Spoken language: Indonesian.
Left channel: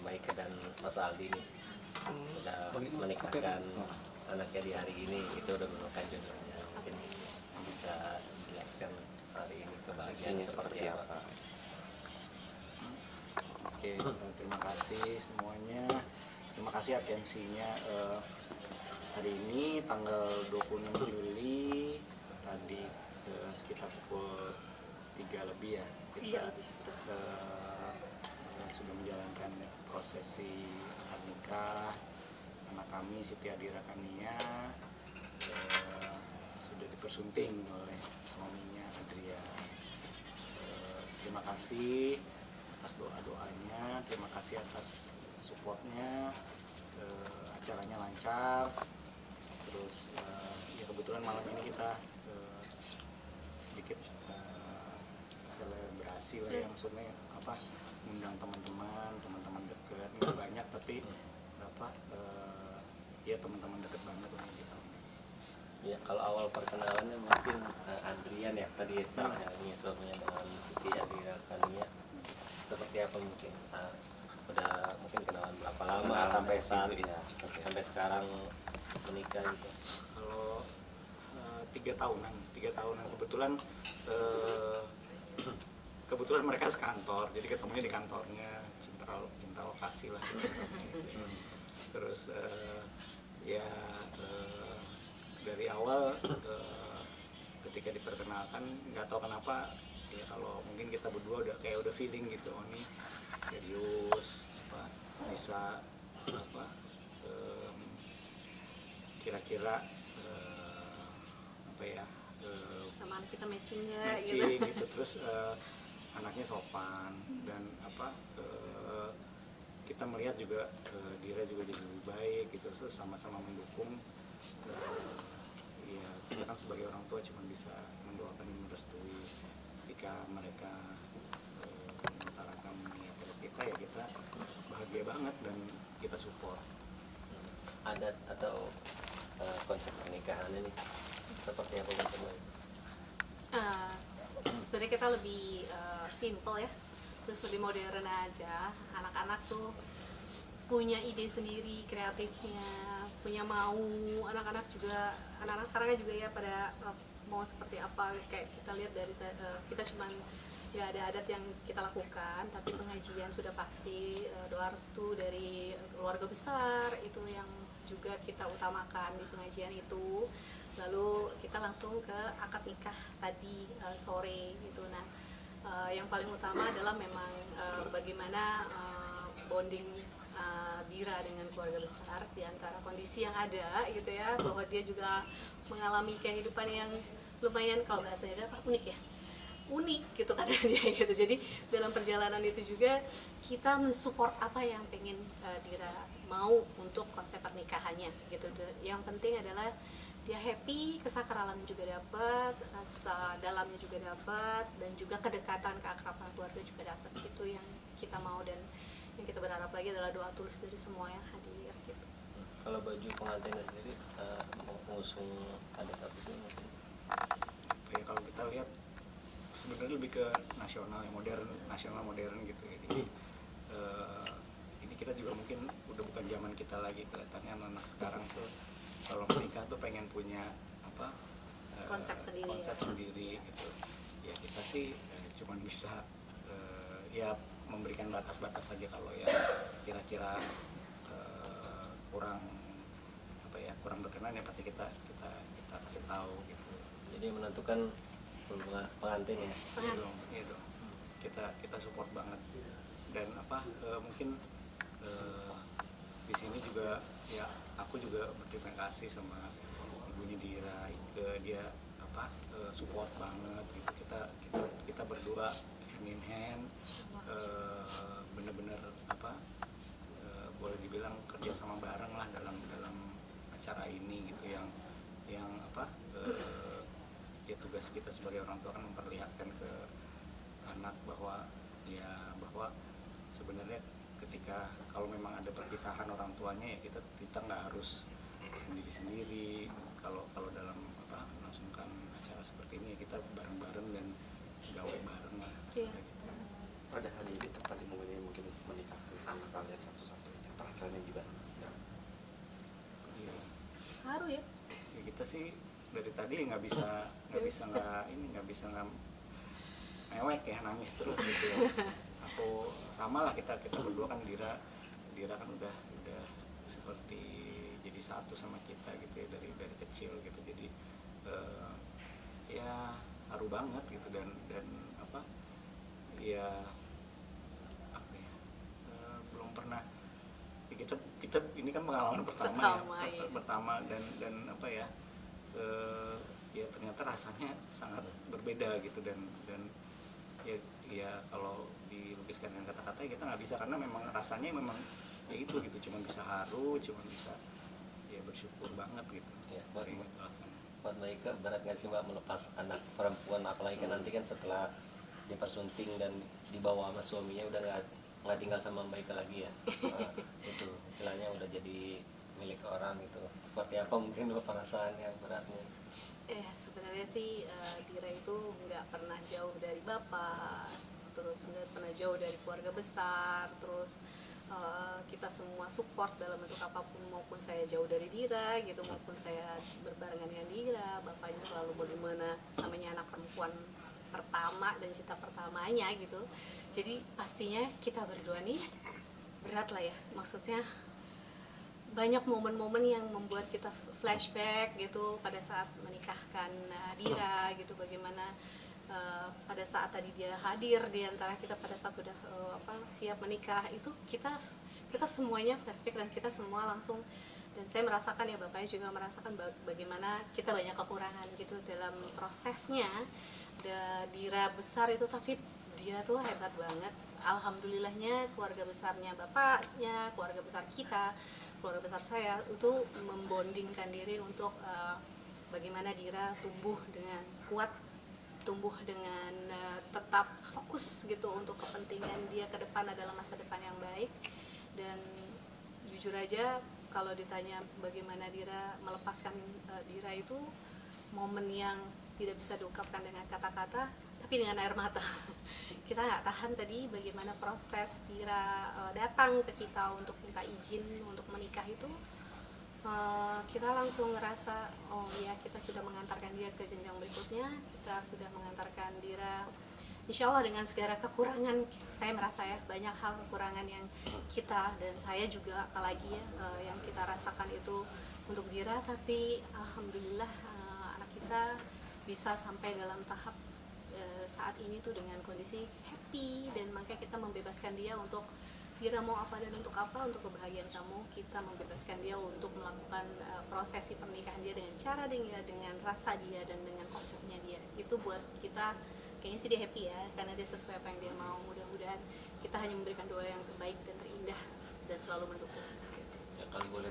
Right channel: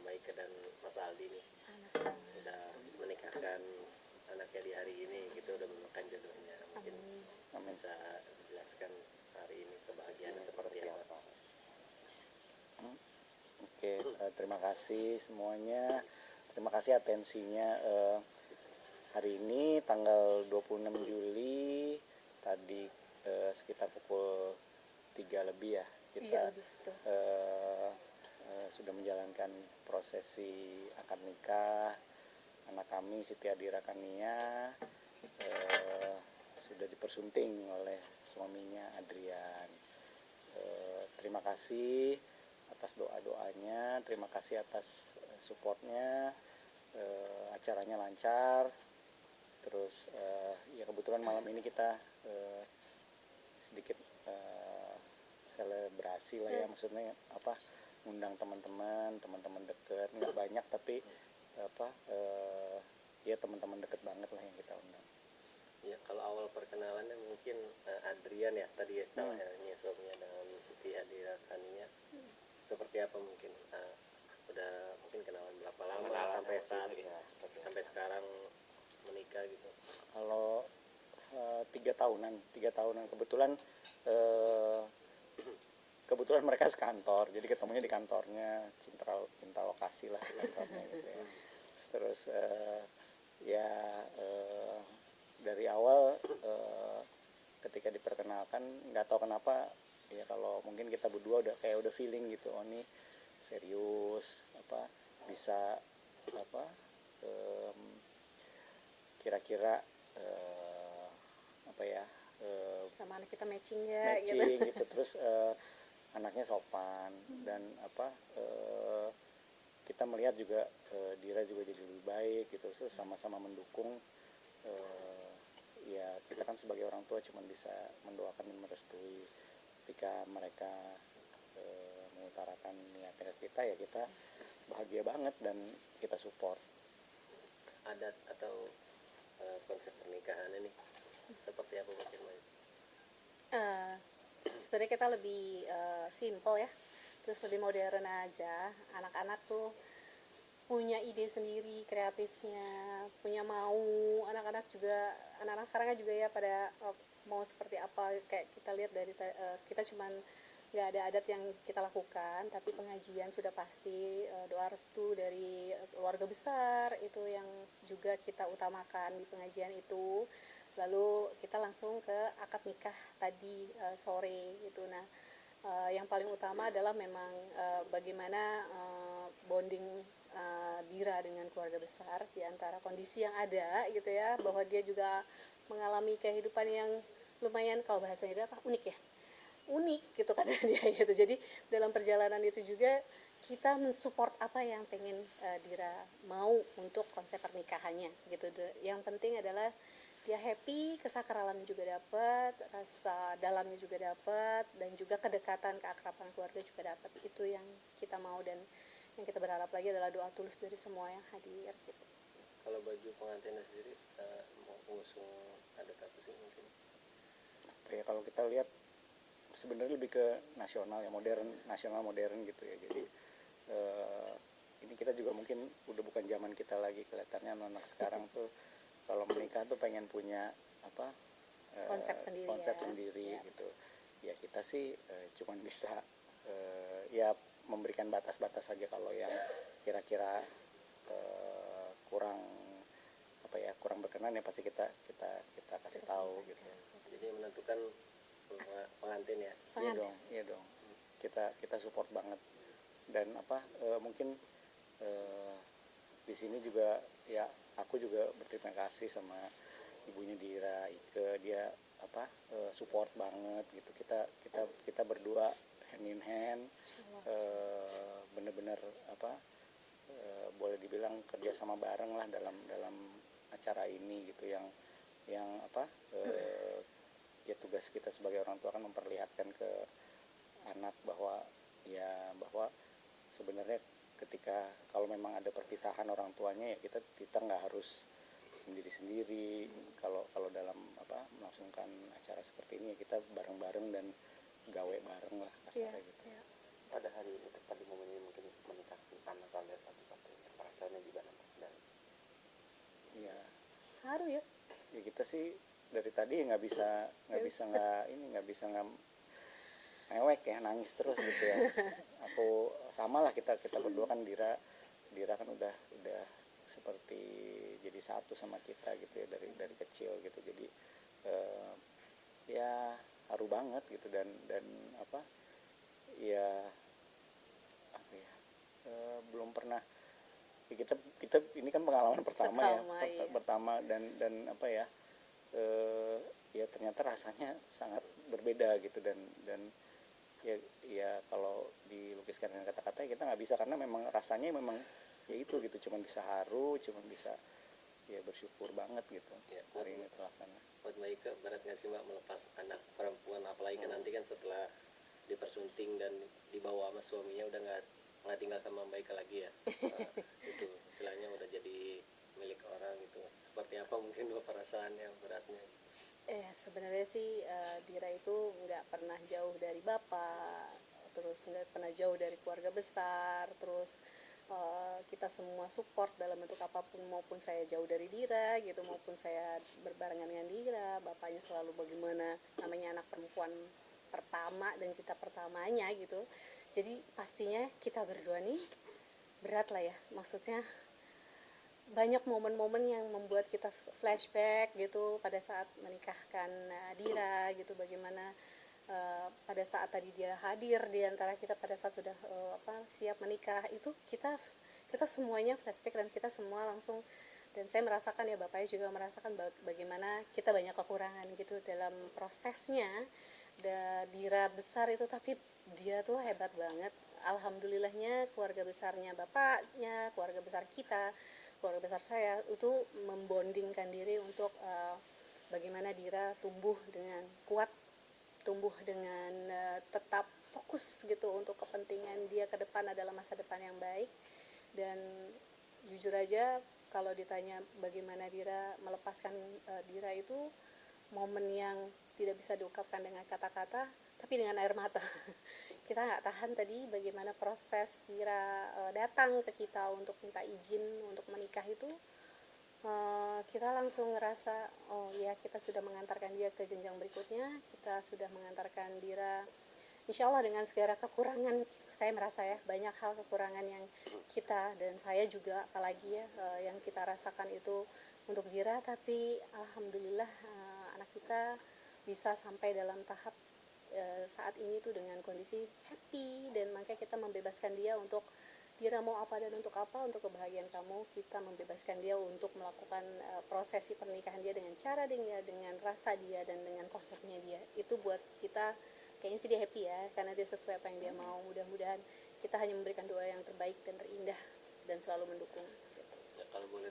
Maika dan Mas Aldi nih udah menikahkan anaknya di hari ini, itu udah menemukan jodohnya. Mungkin bisa jelaskan hari ini kebahagiaan seperti apa? Oke, terima kasih semuanya. Terima kasih atensinya. Hari ini tanggal 26 Juli tadi sekitar pukul 3 lebih ya kita sudah menjalankan prosesi akad nikah anak kami Siti Adira Kania, sudah dipersunting oleh suaminya Adrian. Terima kasih atas doa-doanya, terima kasih atas supportnya. Acaranya lancar, terus ya kebetulan malam ini kita sedikit selebrasi lah ya, maksudnya apa, undang teman-teman dekat, nggak banyak tapi apa ya teman-teman dekat banget lah yang kita undang. Ya, kalau awal perkenalannya mungkin Adrian ya tadi caranya suaminya dengan Siti Adira Kania, seperti apa mungkin udah mungkin kenalan berapa lama sampai saat sampai sekarang menikah gitu? Kalau 3 tahunan kebetulan mereka sekantor, jadi ketemunya di kantornya, cinta lokasi lah di kantornya gitu ya. Terus ya dari awal ketika diperkenalkan nggak tahu kenapa ya, kalau mungkin kita berdua udah feeling gitu, oh ini serius, apa bisa apa kira-kira apa ya sama kita matching ya gitu. Terus anaknya sopan dan apa kita melihat juga Dira juga jadi lebih baik gitu, sama-sama mendukung. Ya kita kan sebagai orang tua cuma bisa mendoakan dan merestui. Ketika mereka mengutarakan niat kita, ya kita bahagia banget dan kita support. Adat atau konsep pernikahan ini seperti apa mungkin? Sebenarnya kita lebih simple ya, terus lebih modern aja. Anak-anak tuh punya ide sendiri, kreatifnya, punya mau. Anak-anak sekarang juga ya pada mau seperti apa. Kayak kita lihat dari kita cuman nggak ada adat yang kita lakukan, tapi pengajian sudah pasti, doa restu dari keluarga besar itu yang juga kita utamakan di pengajian itu. Lalu kita langsung ke akad nikah tadi sore gitu. Nah, yang paling utama adalah memang bagaimana bonding Dira dengan keluarga besar, di antara kondisi yang ada gitu ya, bahwa dia juga mengalami kehidupan yang lumayan, kalau bahasanya apa, unik gitu kata dia gitu. Jadi dalam perjalanan itu juga kita mensupport apa yang pengen Dira mau untuk konsep pernikahannya gitu. Yang penting adalah dia happy, kesakralan juga dapat, rasa dalamnya juga dapat, dan juga kedekatan, keakraban keluarga juga dapat. Itu yang kita mau, dan yang kita berharap lagi adalah doa tulus dari semua yang hadir gitu. Kalau baju pengantinnya sendiri mengusung adat apa itu mungkin? Ya kalau kita lihat sebenarnya lebih ke nasional ya, nasional modern gitu ya. Jadi ini kita juga mungkin udah bukan zaman kita lagi, kelihatannya anak sekarang tuh kalau menikah tuh pengen punya apa konsep sendiri gitu. Ya kita sih cuman bisa ya memberikan batas-batas saja. Kalau yang kira-kira kurang berkenan ya pasti kita kasih tahu gitu. Jadi menentukan pengantin ya. Iya dong. Kita support banget. Dan apa mungkin di sini juga ya aku juga berterima kasih sama ibunya Dira, dia apa support banget gitu. Kita berdua hand in hand, benar-benar apa boleh dibilang kerja sama bareng lah dalam acara ini gitu, yang apa ya tugas kita sebagai orang tua kan memperlihatkan ke anak bahwa sebenarnya ketika kalau memang ada perpisahan orang tuanya ya kita nggak harus sendiri-sendiri. Kalau dalam apa melangsungkan acara seperti ini ya kita bareng-bareng dan gawe bareng lah. Iya. Gitu. Pada hari ini tepat di momennya mungkin menikah anak sih dari tadi nggak bisa nggak mewek ya, nangis terus gitu ya. Aku sama lah, kita berdua kan, Dira kan udah seperti jadi satu sama kita gitu ya, dari kecil gitu. Jadi ya haru banget gitu, dan apa ya, belum pernah ya, kita ini kan pengalaman pertama dan apa ya, ya ternyata rasanya sangat berbeda gitu, dan ya kalau dilukiskan dengan kata-kata kita nggak bisa, karena memang rasanya memang ya itu gitu, cuman bisa haru, cuman bisa ya bersyukur banget gitu Ya, hari ini terlaksana. buat Mbak Ika berat nggak sih Mbak melepas anak perempuan, apalagi kan nanti kan setelah dipersunting dan dibawa sama suaminya udah nggak tinggal sama Mbak Ika lagi ya. Itu istilahnya udah jadi milik orang gitu. Seperti apa mungkin perasaan yang beratnya? Sebenarnya sih Dira itu nggak pernah jauh dari bapak, terus nggak pernah jauh dari keluarga besar, terus kita semua support dalam bentuk apapun, maupun saya jauh dari Dira gitu, maupun saya berbarengan dengan Dira. Bapaknya selalu bagaimana, namanya anak perempuan pertama dan cita pertamanya gitu. Jadi pastinya kita berdua nih berat lah ya, maksudnya banyak momen-momen yang membuat kita flashback gitu pada saat menikahkan Dira gitu, bagaimana pada saat tadi dia hadir di antara kita pada saat sudah siap menikah, itu kita semuanya flashback, dan kita semua langsung, dan saya merasakan ya, bapaknya juga merasakan bagaimana kita banyak kekurangan gitu dalam prosesnya. Dira besar itu, tapi dia tuh hebat banget, alhamdulillahnya keluarga besarnya bapaknya, keluarga besar kita, keluarga besar saya itu membondingkan diri untuk bagaimana Dira tumbuh dengan kuat, tumbuh dengan tetap fokus gitu untuk kepentingan dia ke depan adalah masa depan yang baik. Dan jujur aja kalau ditanya bagaimana Dira melepaskan Dira, itu momen yang tidak bisa diungkapkan dengan kata-kata, tapi dengan air mata. Kita nggak tahan tadi bagaimana proses Dira datang ke kita untuk minta izin untuk menikah itu. Kita langsung ngerasa, oh iya, kita sudah mengantarkan dia ke jenjang berikutnya, kita sudah mengantarkan Dira, insya Allah dengan segala kekurangan. Saya merasa ya, banyak hal kekurangan yang kita, dan saya juga apalagi ya, yang kita rasakan itu untuk Dira, tapi alhamdulillah anak kita bisa sampai dalam tahap saat ini tuh dengan kondisi happy, dan makanya kita membebaskan dia untuk Dira mau apa dan untuk apa, untuk kebahagiaan kamu. Kita membebaskan dia untuk melakukan prosesi pernikahan dia dengan cara dia, dengan rasa dia, dan dengan konsepnya dia. Itu buat kita kayaknya sih dia happy ya, karena dia sesuai apa yang dia mau. Mudah-mudahan kita hanya memberikan doa yang terbaik dan terindah dan selalu mendukung. Ya, kalau boleh